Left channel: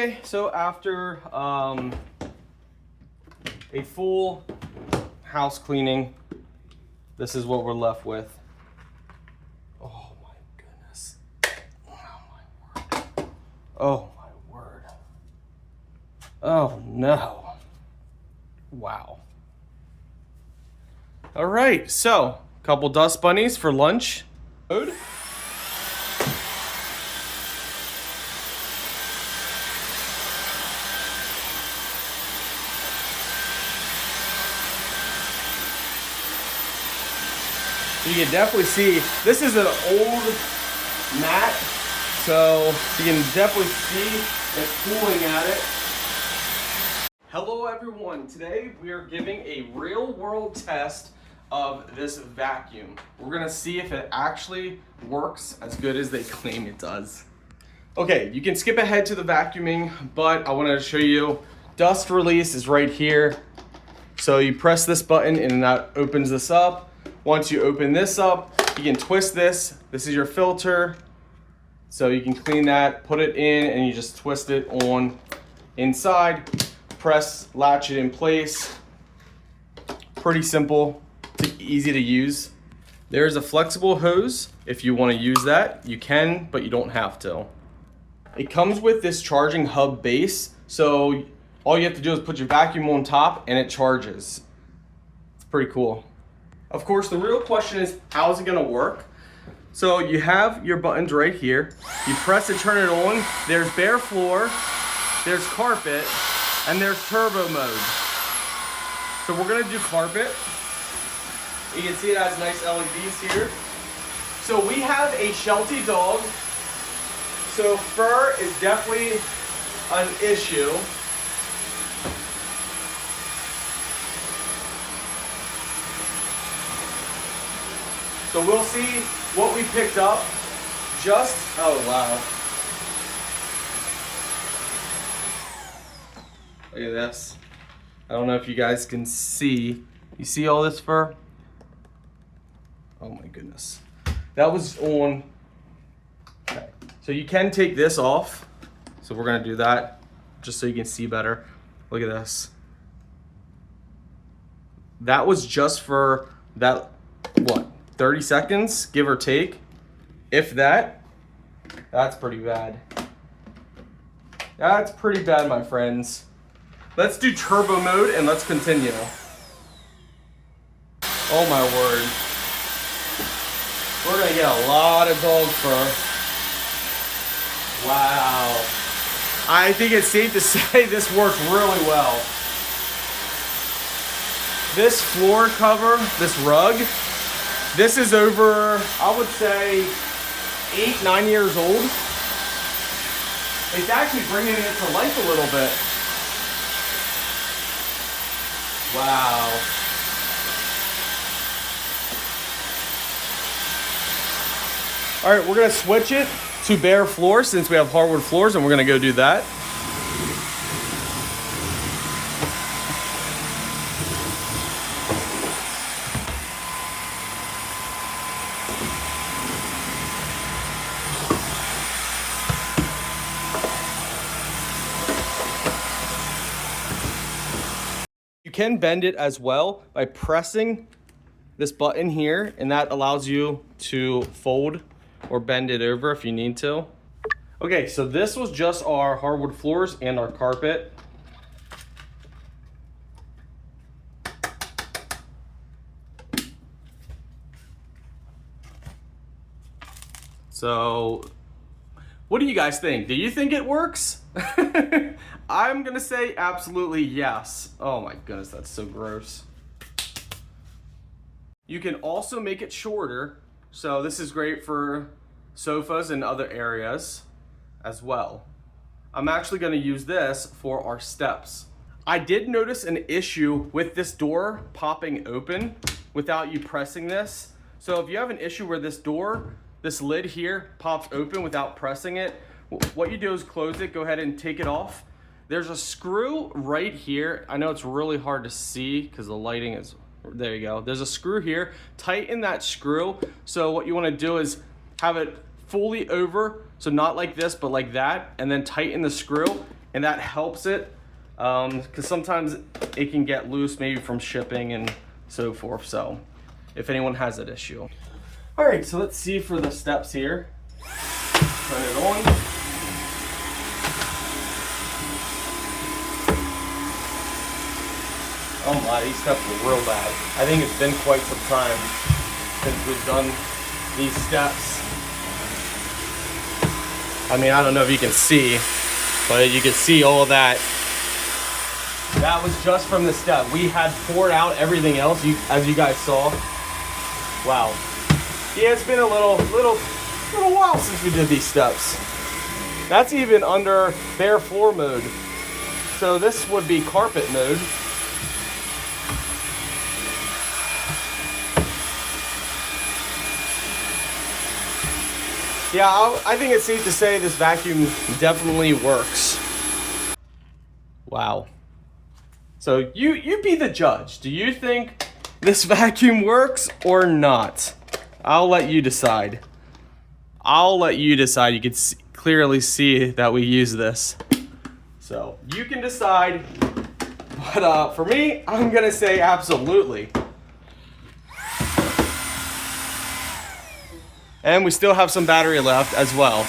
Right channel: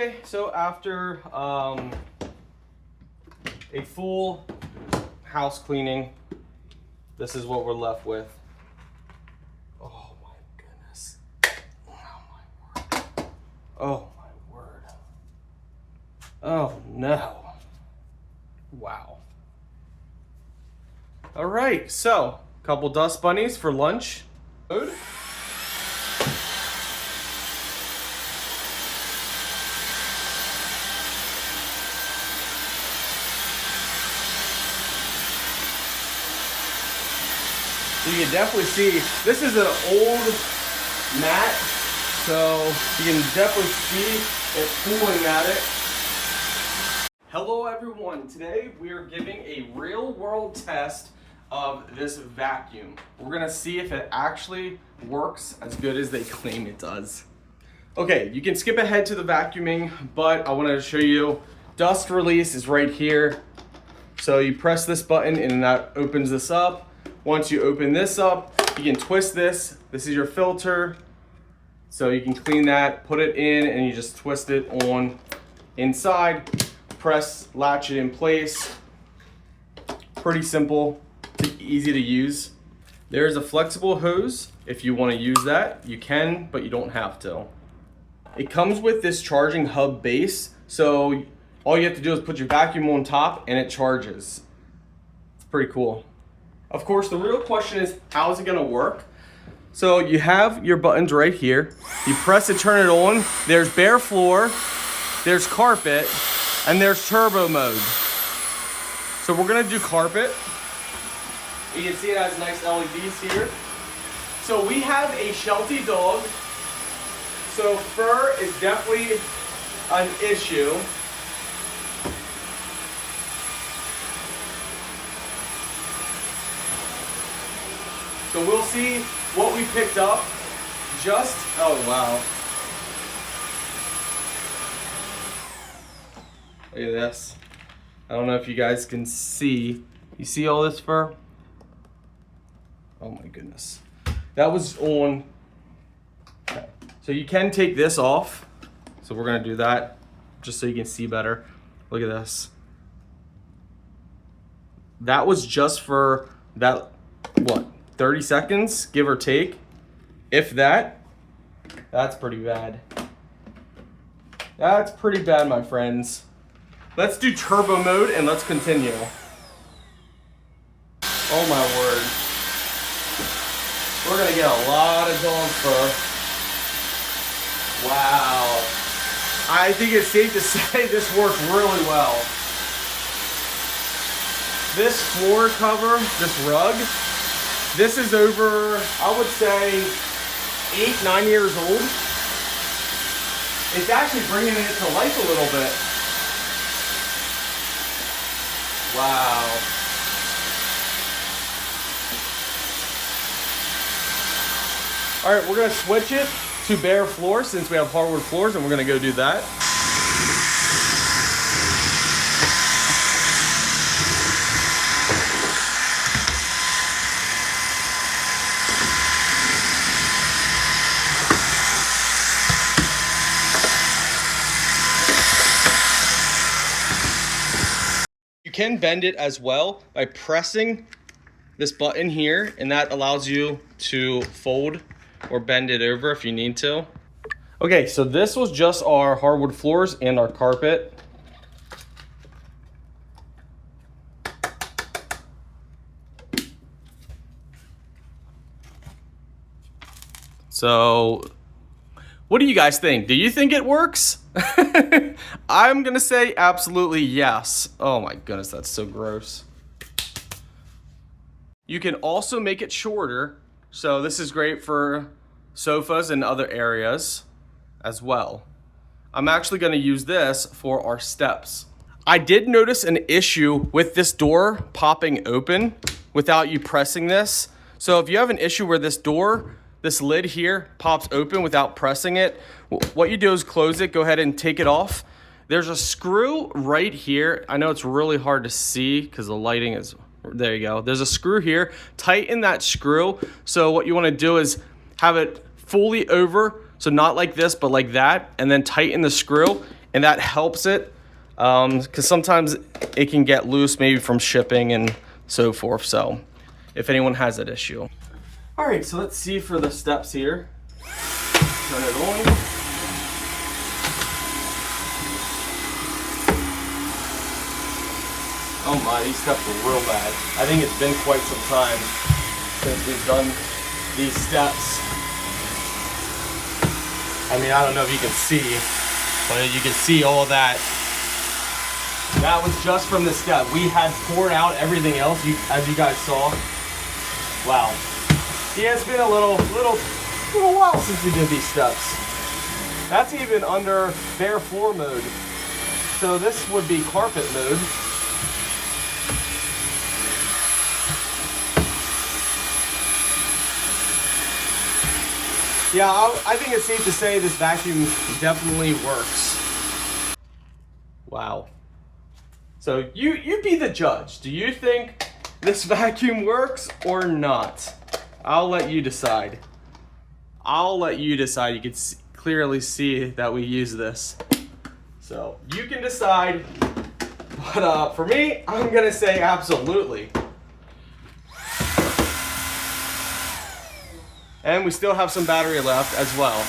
Okay, so after a full house cleaning, this is what we're left with. Oh my goodness. Oh my word. Oh no. Wow. All right, so a couple dust bunnies for lunch. Food. So you can definitely see, this is an old mat, so you can definitely see it pulling at it. Hello everyone, today we are giving a real world test of this vacuum. We're gonna see if it actually works as good as they claim it does. Okay, you can skip ahead to the vacuuming, but I wanted to show you, dust release is right here. So you press this button and that opens this up. Once you open this up, you can twist this. This is your filter. So you can clean that, put it in, and you just twist it on inside. Press, latch it in place. Pretty simple, easy to use. There's a flexible hose. If you want to use that, you can, but you don't have to. It comes with this charging hub base. So all you have to do is put your vacuum on top and it charges. It's pretty cool. Of course, the real question is, how is it gonna work? So you have your buttons right here. You press to turn it on. There's bare floor, there's carpet, and there's turbo mode. So we're gonna do carpet. You can see it has nice LEDs here. So we have a Sheltie dog. So fur is definitely an issue. So we'll see what we picked up. Oh wow. Look at this. I don't know if you guys can see. You see all this fur? Oh my goodness. That was on. Okay. So you can take this off. So we're gonna do that just so you can see better. Look at this. That was just for that, what? 30 seconds, give or take. If that, that's pretty bad. That's pretty bad, my friends. Let's do turbo mode and let's continue. Oh my word. We're gonna get a lot of dog fur. Wow. I think it's safe to say this worked really well. This floor cover, this rug, this is over, I would say, 8-9 years old. It's actually bringing it to life a little bit. Wow. All right, we're gonna switch it to bare floor since we have hardwood floors, and we're gonna go do that. You can bend it as well by pressing this button here, and that allows you to fold or bend it over if you need to. Okay, so this was just our hardwood floors and our carpet. So what do you guys think? Do you think it works? I'm gonna say absolutely yes. Oh my goodness, that's so gross. You can also make it shorter. So this is great for sofas and other areas as well. I'm actually gonna use this for our steps. I did notice an issue with this door popping open without you pressing this. So if you have an issue where this lid here pops open without pressing it, what you do is close it, go ahead and take it off. There's a screw right here. I know it's really hard to see because the lighting is, there you go. There's a screw here, tighten that screw. So what you wanna do is have it fully over, so not like this, but like that, and then tighten the screw. and that helps it, because sometimes it can get loose, maybe from shipping and so forth. So if anyone has that issue. All right, so let's see for the steps here. Turn it on. Oh my, these steps are real bad. I think it's been quite some time since we've done these steps. I mean, I don't know if you can see, but you can see all that. That was just from the step. We had poured out everything else, as you guys saw. Wow. Yeah, it's been a little while since we did these steps. That's even under bare floor mode. So this would be carpet mode. Yeah, I think it's safe to say this vacuum definitely works. Wow. So you be the judge. Do you think this vacuum works or not? I'll let you decide. I'll let you decide. You can clearly see that we use this. So you can decide. But for me, I'm gonna say absolutely. And we still have some battery left as well.